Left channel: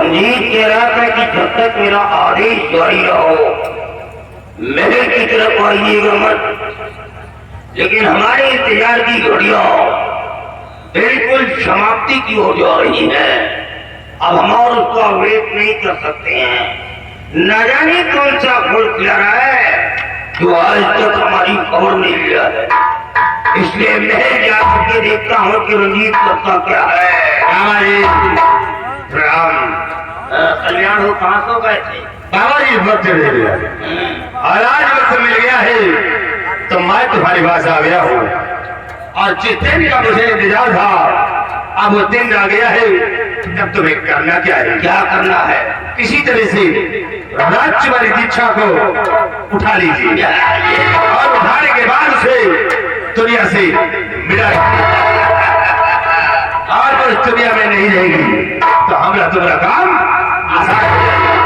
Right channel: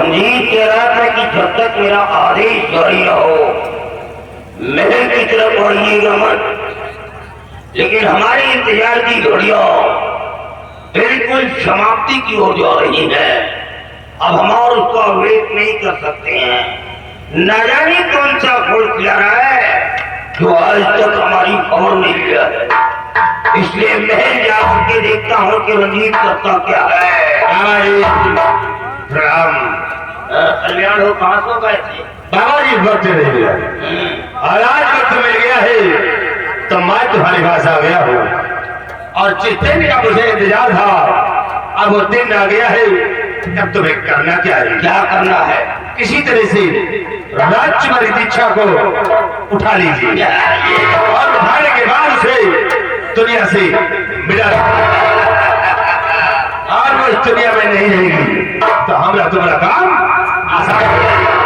रंजीत कह रहा था कि जब तक मेरा आदेश जारी रहो महल की तरफ आइएगा मत, लेकिन हमारे इंतजार की घड़ियां बिल्कुल समाप्ति की ओर जा रही है। अब हम और उसका वेट नहीं कर सकते हैं। न जाने कौन सा गुड़ खिला रहा है जो आज तक हमारी खबर नहीं लिया है, इसलिए मैं जा करके देखता हूँ कि रंजीत करता क्या है। राम कल्याण हो कहाँ सो गए थे? बाबा जी वक्त मिल गया और आज वक्त मिल गया है तो मैं तुम्हारे पास आ गया हूँ और जिस दिन का मुझे इंतजार था अब वो दिन आ गया है। अब तुम्हें करना क्या है? क्या करना है? किसी तरह से राज्य वाली दीक्षा को उठा लीजिए और उठाने के बाद से दुनिया से मिला और वो इस दुनिया में नहीं रहेगी तो हमारा तुम्हारा काम आसान हो जाएगा।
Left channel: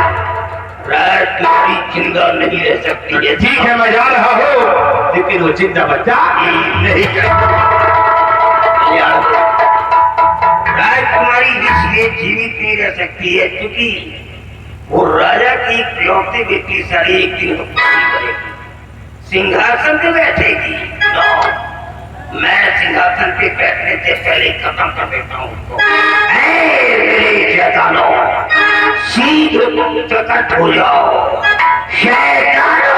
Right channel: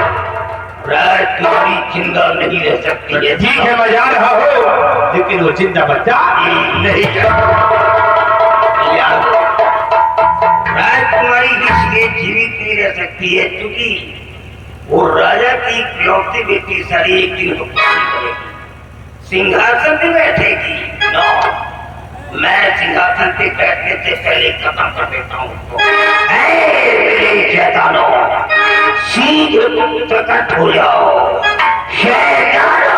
तुम्हारी जिंदा नहीं रह सकती है। ठीक है मैं जा रहा हूँ लेकिन वो जिंदा बच्चा नहीं कर राजकुमारी इसलिए जीवित नहीं रह सकती है क्योंकि वो राजा की इकलौती बेटी सारी एक दिन हुक्मरानी करेगी, सिंहासन पे बैठेगी। मैं सिंहासन पे बैठने से पहले खत्म कर देता हूँ उसको। शैतानो शीघ्र प्रकट हो जाओ। शैतानो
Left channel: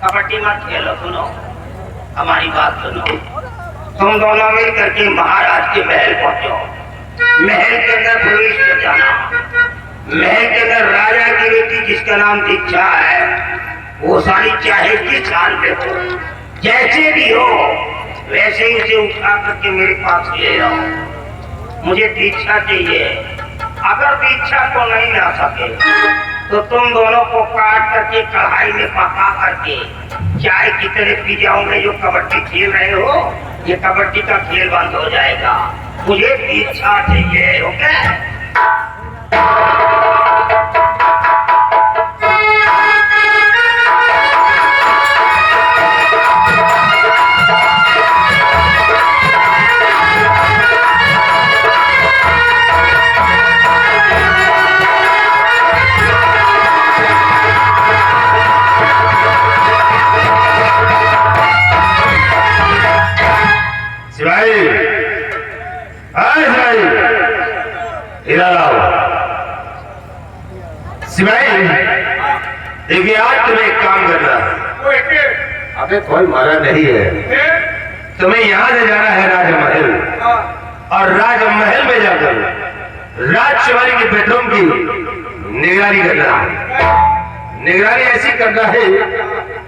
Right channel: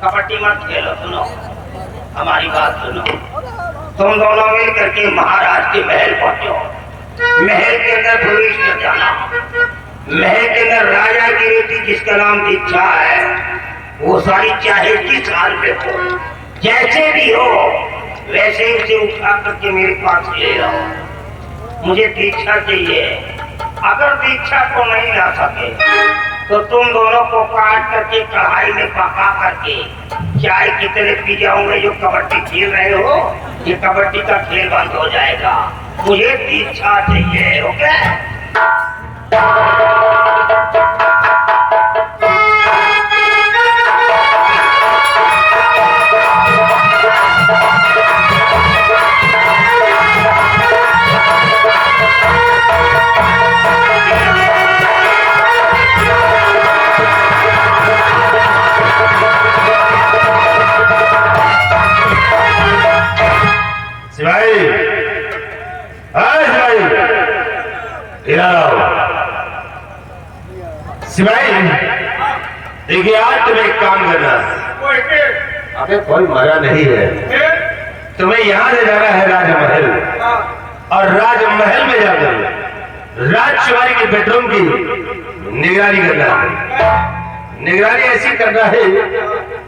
कबड्डी मत खेलो, सुनो हमारी बात सुनो। तुम दोनों मिल करके महाराज के महल पहुंचो। महल के अंदर प्रवेश कर जाना। महल के अंदर राजा की बेटी जिसका नाम दीक्षा है वो सारी चाहे किस हाल में हो, जैसे भी हो वैसे ही उसे उठा करके मेरे पास ले आओ। मुझे दीक्षा चाहिए। अगर दीक्षा को नहीं ला सके तो तुम दोनों को काट करके कढ़ाई में पका करके चाय की तरह पी जाओगे। जो कबड्डी खेल रहे हो ये कबड्डी का खेल बंद हो जाएगा। मुझे दीक्षा चाहिए। ओके सिपाही सिपाही देखिए आज तुम्हें एक काम करना है। अबे कोई मरा नहीं है। तुम्हें यहाँ से जाना है राजमहल और राजमहल में जाकर राजकुमारी के बेडरूम की निगरानी करना है। निगरानी ऐसी करना है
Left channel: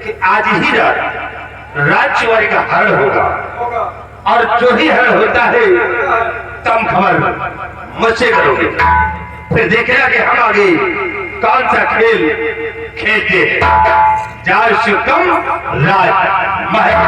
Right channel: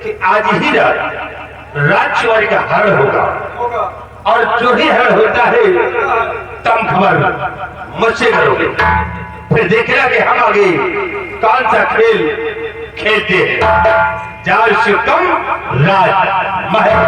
कि आज ही रात राजकुमारी का हरण होगा और जो ही हरण होता है तुम खबर मुझसे करोगे। फिर देखेगा कि हम आगे कौन सा खेल खेलते हैं। जार से तुम राजमहल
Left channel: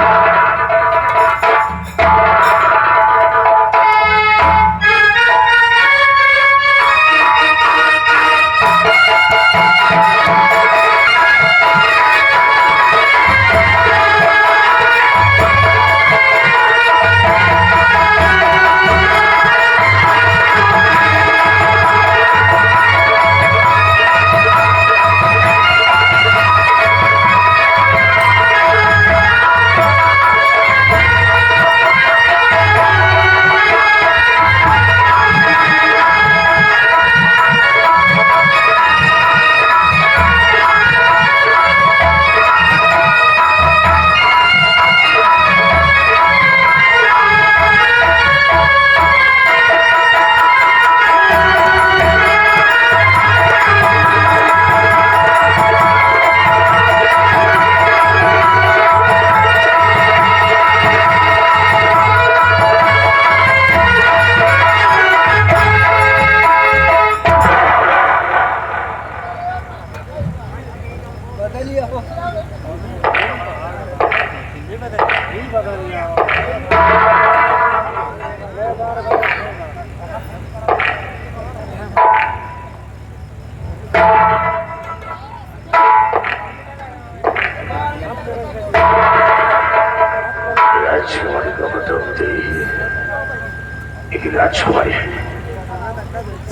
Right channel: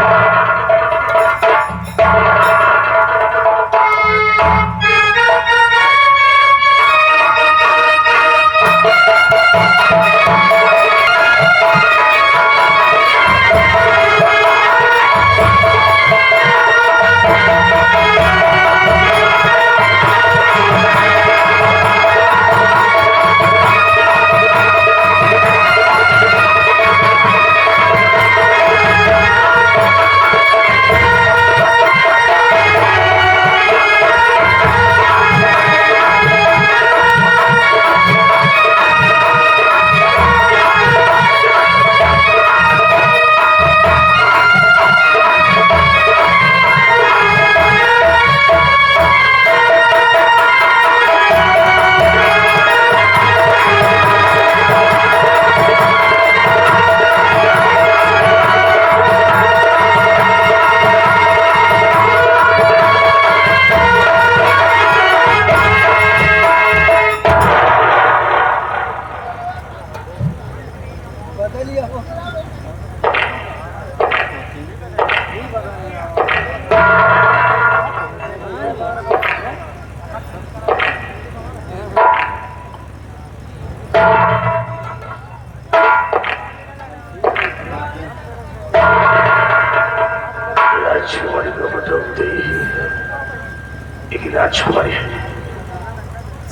राजकुमारी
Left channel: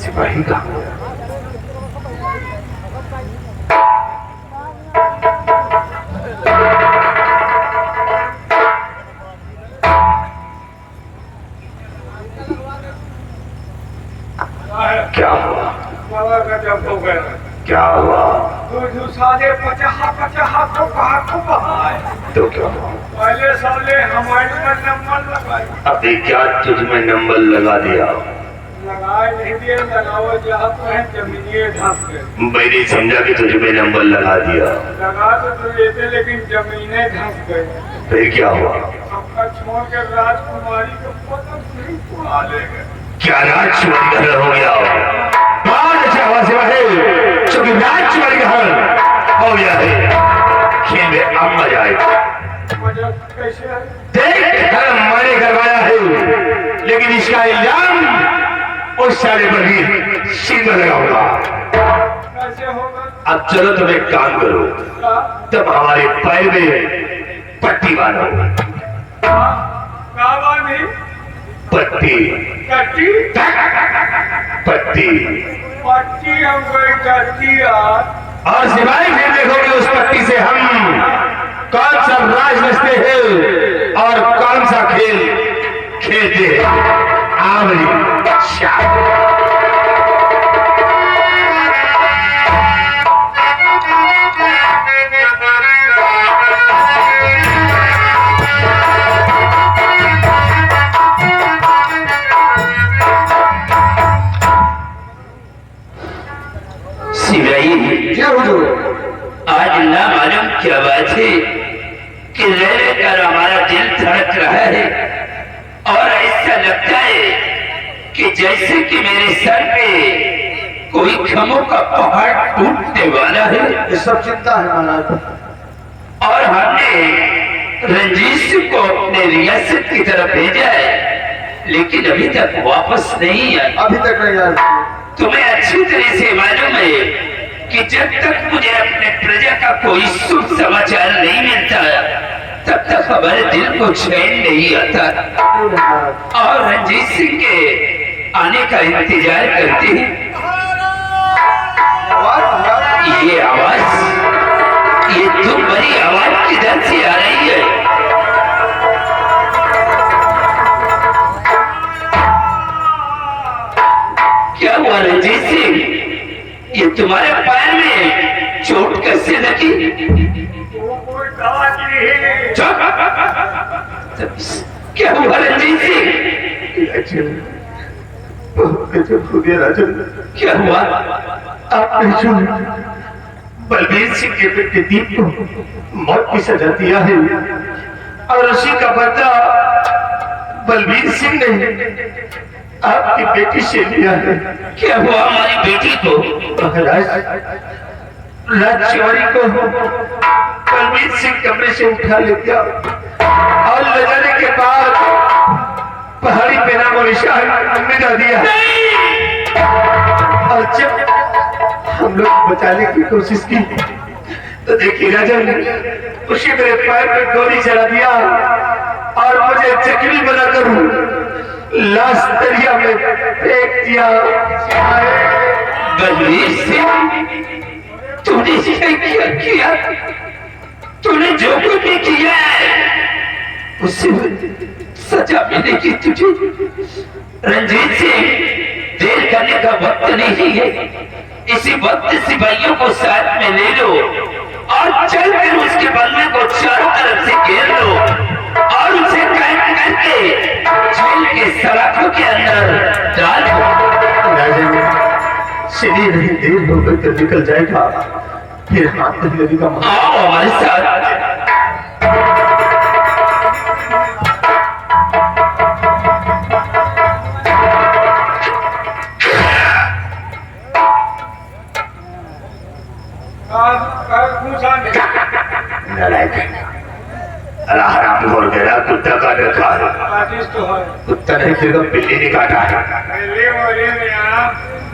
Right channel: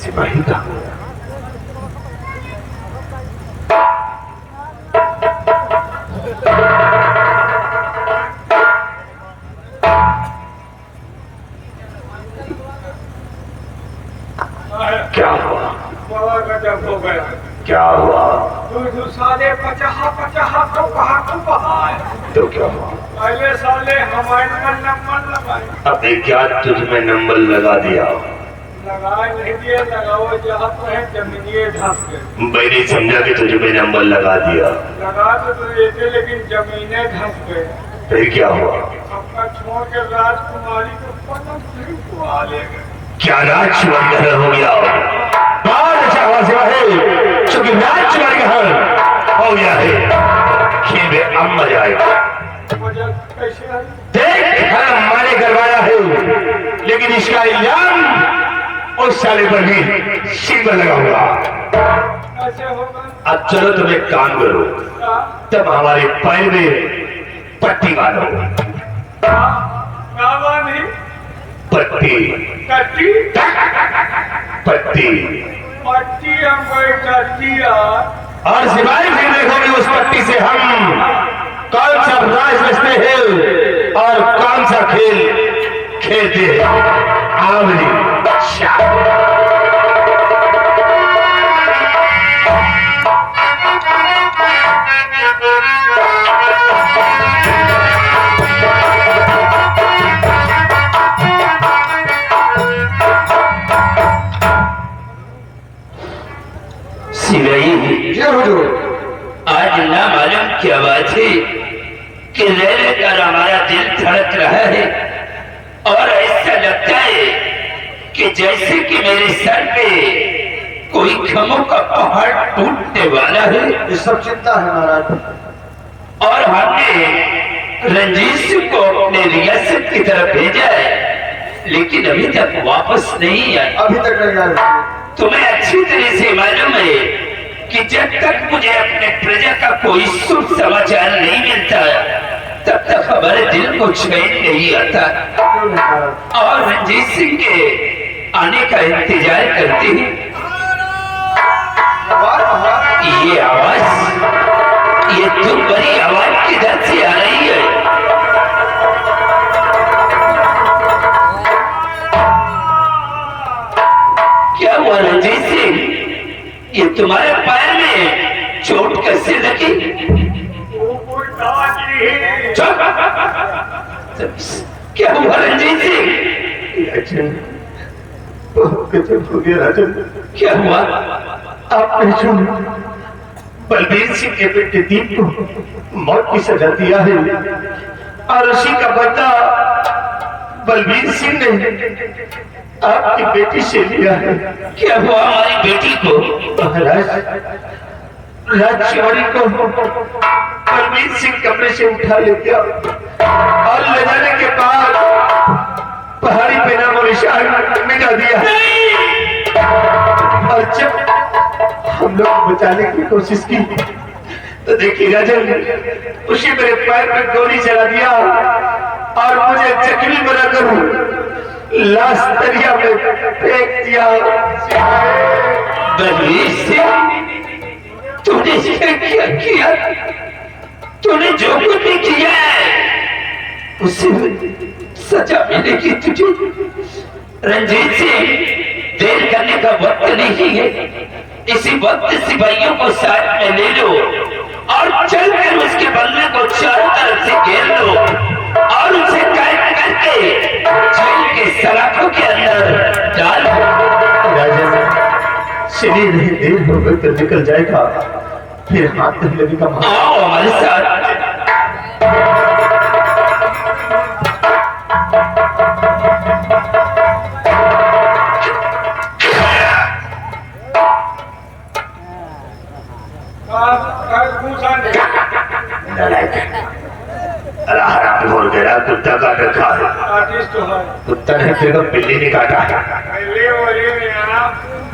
सिपाही का क्या हुआ? गजब हो गया। क्या हुआ? तू साले पचाहा को कहा को बहाए। तो क्या हुआ? पहले साले हमारे में नंबर लगाए। अभी क्या तुझ में नंबर लगा दिया? लगाए नहीं दिए, लगाओ जहाँ तो है जमीनिए धंस गए। मैंने समझा कि तुझ में नंबर लगा दिया। लगा तो देते लेकिन जमीने धंस गए। फिर क्या हुआ? आपका छोड़ के राजकुमारी को पता नहीं को आ ले गए। क्या राजकुमार घर हो गया? चूंकि राजकुमार घर हो गया है, खेल में अब मजा आएगा। वजह कैसे है? देख घर माने करवाया है, लेकिन इसका इल्जाम उस साले पर भी सीमा लगा होगा। कैसे होगा? अब चलो तुम एक काम करो, तब हमारे पैर में पट्टी बांधो। बाबा नहीं पट्टी कट्टी पट्टी पट्टी हम कोई कट्टी यार। और सिवाय फिर देखोगे उस पट्टी से हम कौन सा राज रचते हैं और कौन सा खेल खेलते हैं। आवली शाह आज ना मालूम क्या बात है कि रह कर हमारा दिल धड़क रहा है और ऐसा लगता है कि जैसे कि मेरे सर पे कोई खमों का पहाड़ टूटने वाला है। ये सब चिंता है महाराज। और हमने रंजीत को अपने रियासत की तरफ भेजा है, लेकिन अभी तक वापस नहीं आया। अभी तक नहीं आया। तुम्हें अच्छी तरह से मालूम है कि जब तक मुझे अपने प्रजा का कोई शुभ समाचार नहीं मिलता तब तक हमारे दिल को चैन नहीं आता और रंजीत सिंह के आने का इंतजार करते हैं। ये आवाज, ये तो बड़ी आवाज किधर से आ रही है? क्या हुआ रंजीत सिंह? ये तुम्हारे पैर में चोट कैसे लगी? वो कोई दवा की है। क्या हुआ रंजीत सिंह? राजन क्या हुआ? आप बलबीर सिंह के बेटे दीप को मौत की सजा दिया है और उसी का बदला बलबीर सिंह ने आपकी बेटी से लिया है। क्या हुआ हमारी बेटी को? राजकुमारी को बलबीर सिंह कमरे से उठा ले गया और ले जाने के बाद पहाड़ी पे नाम और निशान मिटा दिया। और जब हम लोग बचाने की कोशिश की तो देखिए राजन, उसी मेरे पैर पे गोली चला दिया और मुझे जख्मी बनाकर लाश दरिया में फेंक दिया। बलबीर सिंह, तूने क्या किया? तूने जो कुछ भी किया है उससे सजा मिलेगी तुझे। रंजीत सिंह, देर करने का वक्त नहीं है। इसी वक्त सिपाहियों को साथ में ले लो और चलकर उसके बंगले को चारों तरफ से घेर लो और उसे कैद करके जेल के सलाखों के अंदर डाल दो। शरीर नहीं देर हो गई तो निकल जाएगा, फिर हाथ में लगेगा। आओ हमारे साथ। हराम बोल गया, कुत्ता काट रखा है। कुत्ता नहीं तो बिल्ली ने काटा है।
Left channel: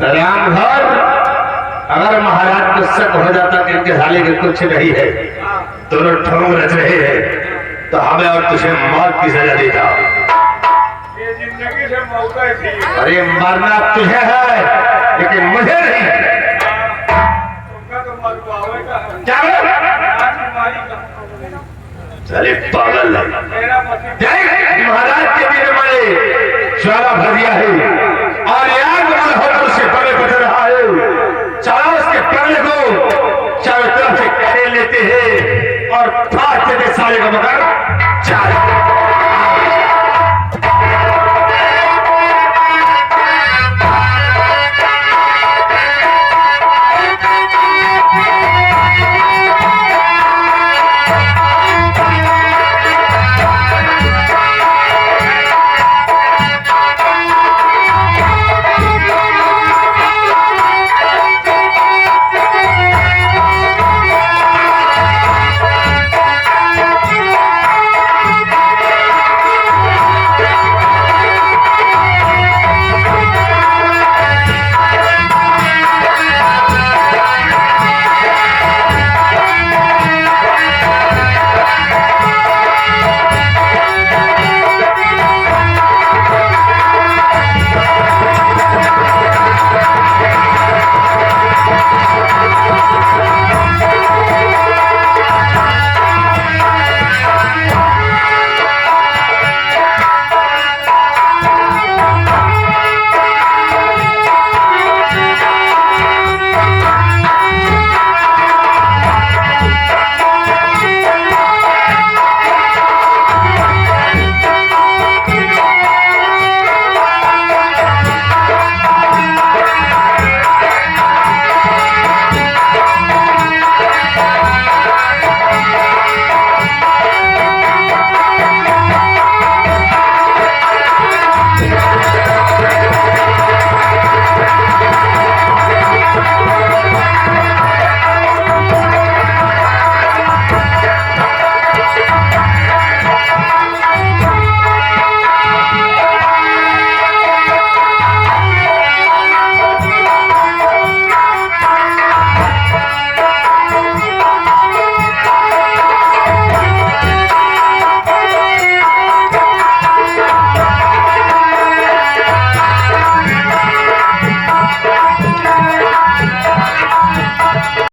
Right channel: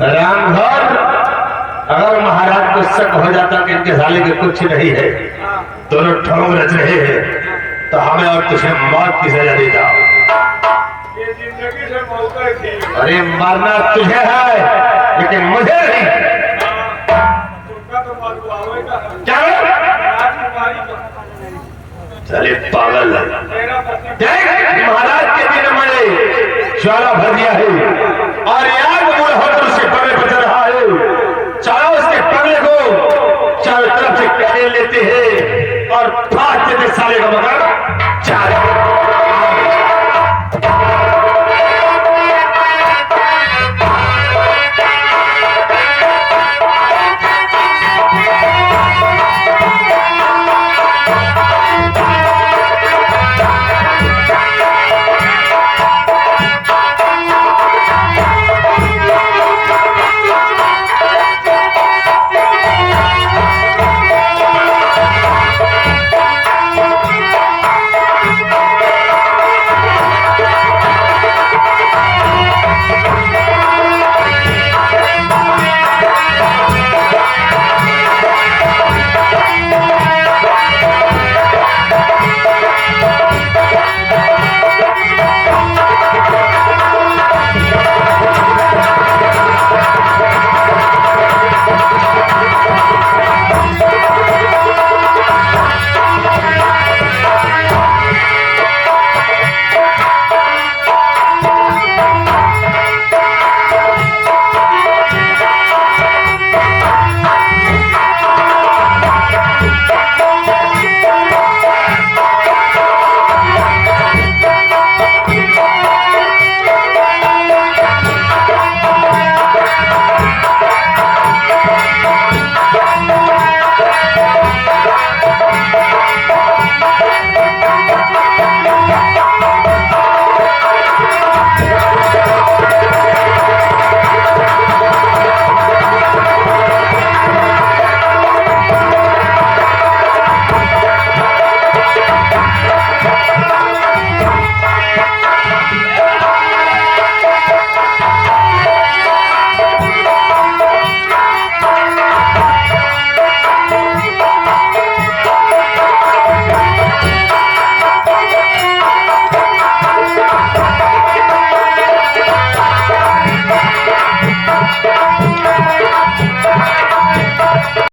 राम घोर, अगर महाराज को शक हो जाता कि इनके साले के कुछ नहीं है, दोनों ठगों रच रहे हैं, तो हमें और तुझे मौत की सजा देता। ये जिंदगी से मौका थी। अरे मरना तुझे है लेकिन मुझे नहीं। तुमका तो मरवावे का है। क्या बोला? राजकुमारी का। चले पागल मेरा पति महाराज के दिन मैंने ज्वाला भर दिया है और आग मूल होकर उसके पगले पर चल रहा है। चारों उसके पगले को चारों तरफ से कड़े लेते हैं और फाड़ देते सारे का मकान।